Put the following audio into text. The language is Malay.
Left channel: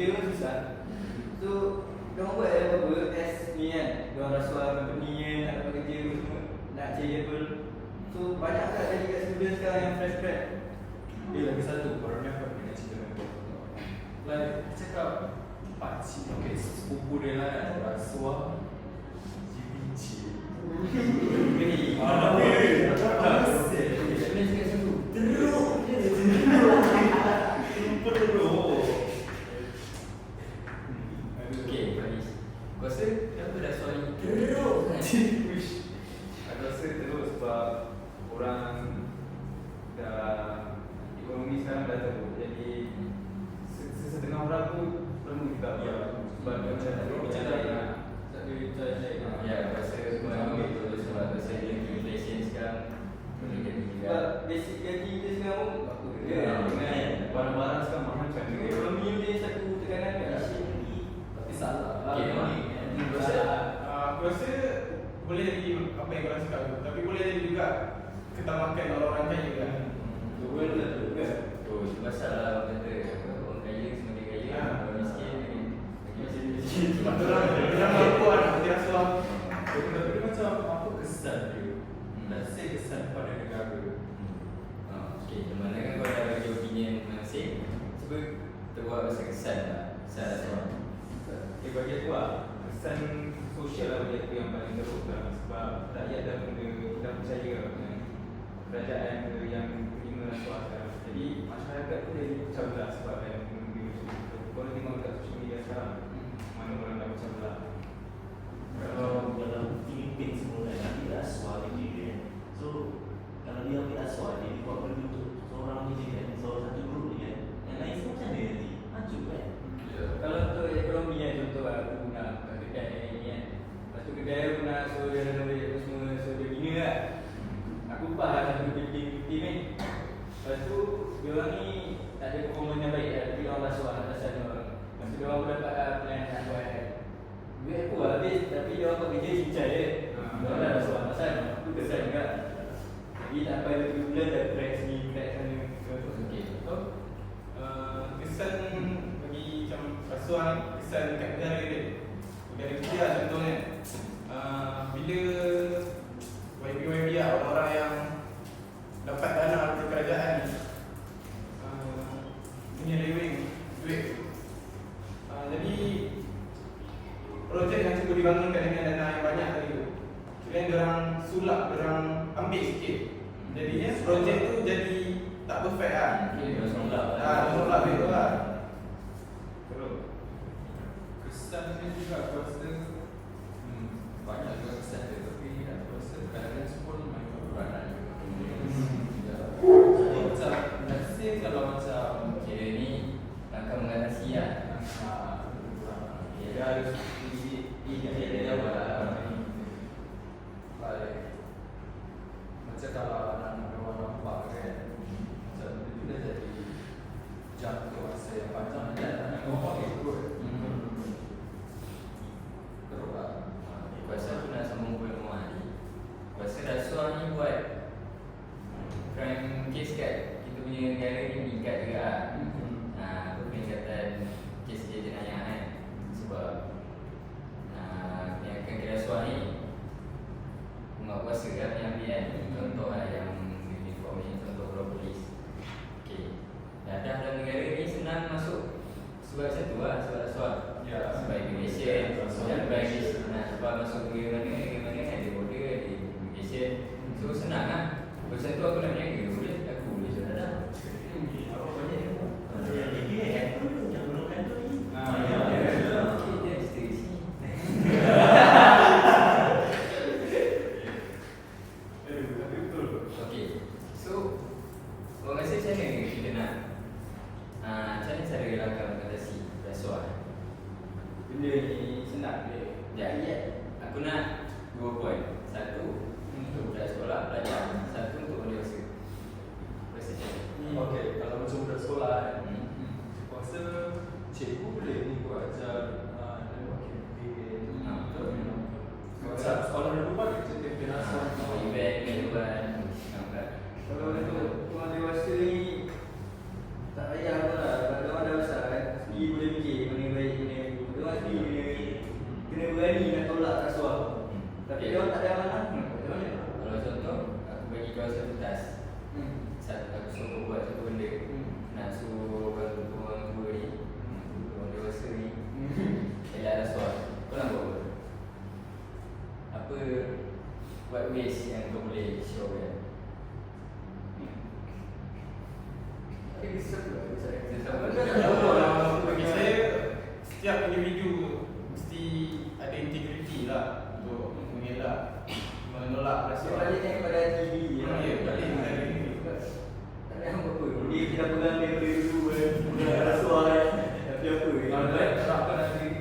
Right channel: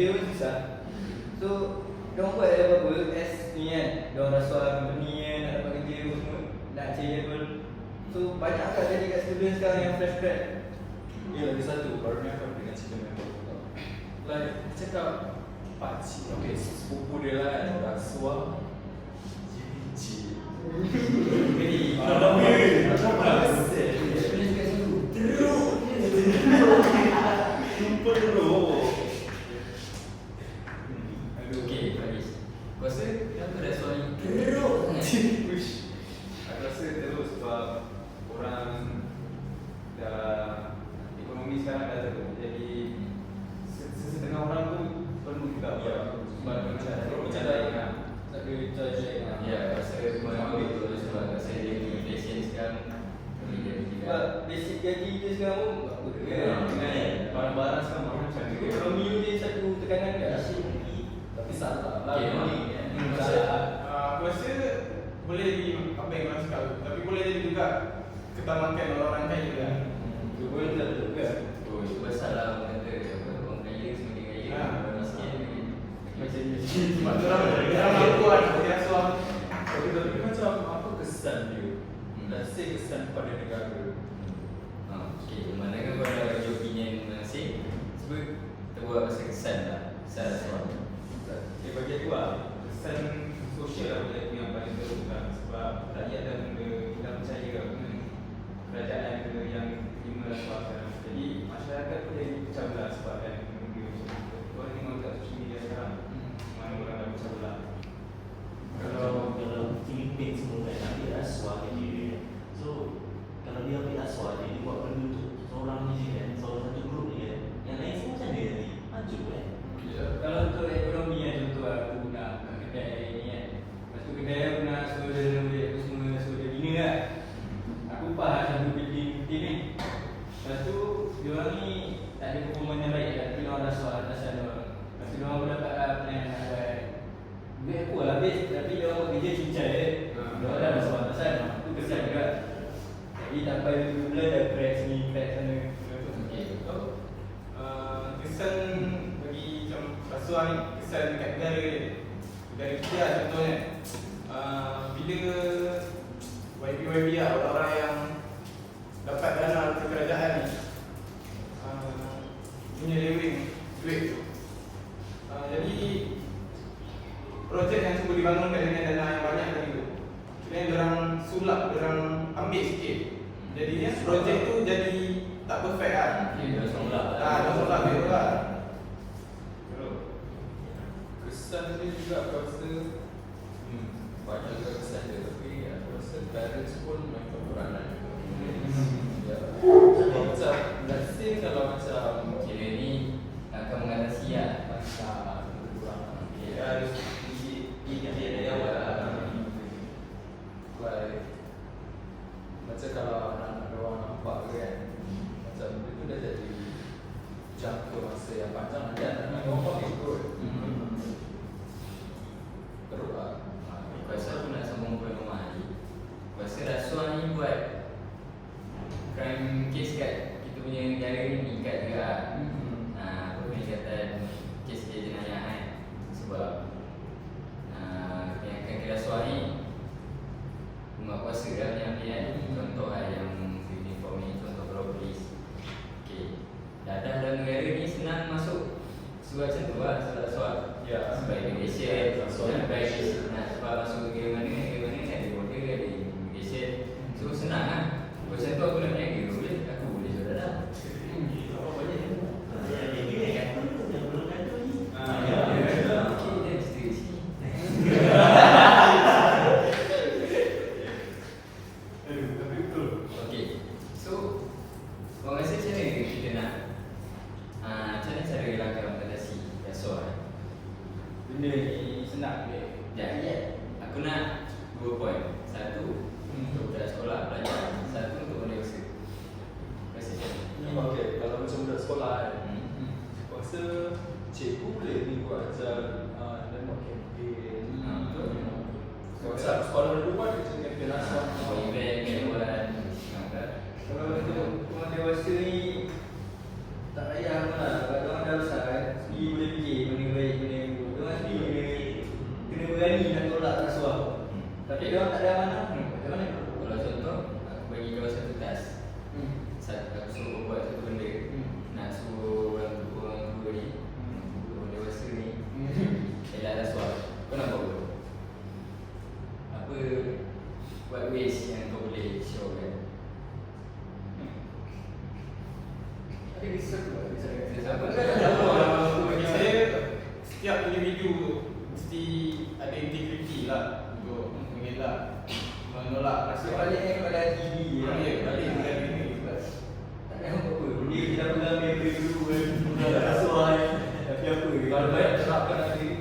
kerja pun susah. So, dia orang buat apa-apa test ni kan. Dia orang rasuah company kan nak dapat kerja pun semua. Nak eligible. So, banyak agak tadi kat student sekarang yang fresh grad. Dia lagi satu baru ni aku dengan cerita dengan kau. Like cakap pakcik, okay, sepupu dia lah kan rasuah GPG. Gini. Ah, Dia apa? sebenarnya cakap dulu. Teruk Super teruk. Aduh, okay, Faris. Kau rasa kenapa rasuah ni Teruk sangat? Wish. Aku rasa teruk sebab orang dah ekonomi sekarang dah teruk. Jadi se- setengah orang tu perlu juga Ya, sebab macam macam dah ingat. Tak ada judge Ya, aku rasa memang betul sebab aku rasa dia punya inflation sekarang boleh jadi tidak. Sebab basic gaji kita sekarang pun apa ke? Ya, Dengan barang-barang sekarang mahal macam ni. ekonomi ni satu tekanan kan? Tapi salah. Okay, memang. Hmm, Pasal uh, aku rasa boleh jadi apa yang korang cakap tu. Tapi boleh jadi juga ketamakan orang kaya kan. tu pun tak betul juga. Oh, itu pasal lah orang kata orang kaya semakin kaya, Ya. orang miskin macam ni. Sebab tu orang mampu kan hati rasuah. Tapi tapi macam apa kesan dia? Hmm. Let's say kesan pada negara. Okay, mana kau ada bagi opinion masing Cuba kita buat pasal kesan lah. Kesan rasuah ni. Eh, bagi aku lah, kesan sosial lah bagi aku yang paling teruk lah. Sebab rakyat dah mula tidak percaya dengan kerajaan yang, yang terima rasuah sekarang Jadi masyarakat pun jadi pecah belah sebab dah menunggu macam tu Kau tengok kat social media sekarang, mana orang dah pecah belah Kalau dalam Filipin semua kan Ambil rasuah je dia So Kalau dia ambil rasuah je Dia buat benda untuk Seorang ni je kan Seorang satu grup ni kan Yang lain semua macam mana nanti Maju kan Ya. Kalau untuk ekonomi kan contoh aku nak buka kedai ni kan Lepas tu kedai aku nak suruh dia renovate apa semua Suruh dia bina lah Aku upah lah satu pilih-pilih ni Lepas tu dia orang ni tak ada performance yang baik lah Tapi dia orang rasuah atasan dia orang Lepas tu dia orang pun dapat lah apa yang nak buat Duit aku lah habis Tapi dia orang buat kerja cincai je Dia orang atasan Aku kesan juga. Jadi tak sampai 2 bulan dah crack sini, crack sana Okay, So, uh, kesan bagi macam rasuah ni, kesan dekat negara dia. Negara kita lah contohnya. Uh, Bila YB-YB lah, orang-orang yang dapat dana dari kerajaan ni uh, Punya lewing duit tu. Jadi Projek yang cuba dibangunkan dengan dana yang banyak tadi tu Kira orang sulap, orang ambil sikit Jadinya projek tu jadi tak perfect lah Okay, dia orang lah Ah, betul lah, betul lah. Teruk. Kesan dia juga aku rasa hmm, banyak juga kesan dia tapi aku rasa parents pun main peranan juga. Ya. Kalau macam let's say kalau macam Kira ni akan mengatasi lah Oh, okay, good. Mm -hmm. que, que. habis yang kau boleh show kan Bagi saya, setiap individu mesti ada integriti lah untuk mengelak menolak rasa. Orang yang pada diri ya. Oh, ya dia diri apa dia kita pernah dia dulu kan rasa orang tapi apa kalau baik sebab diri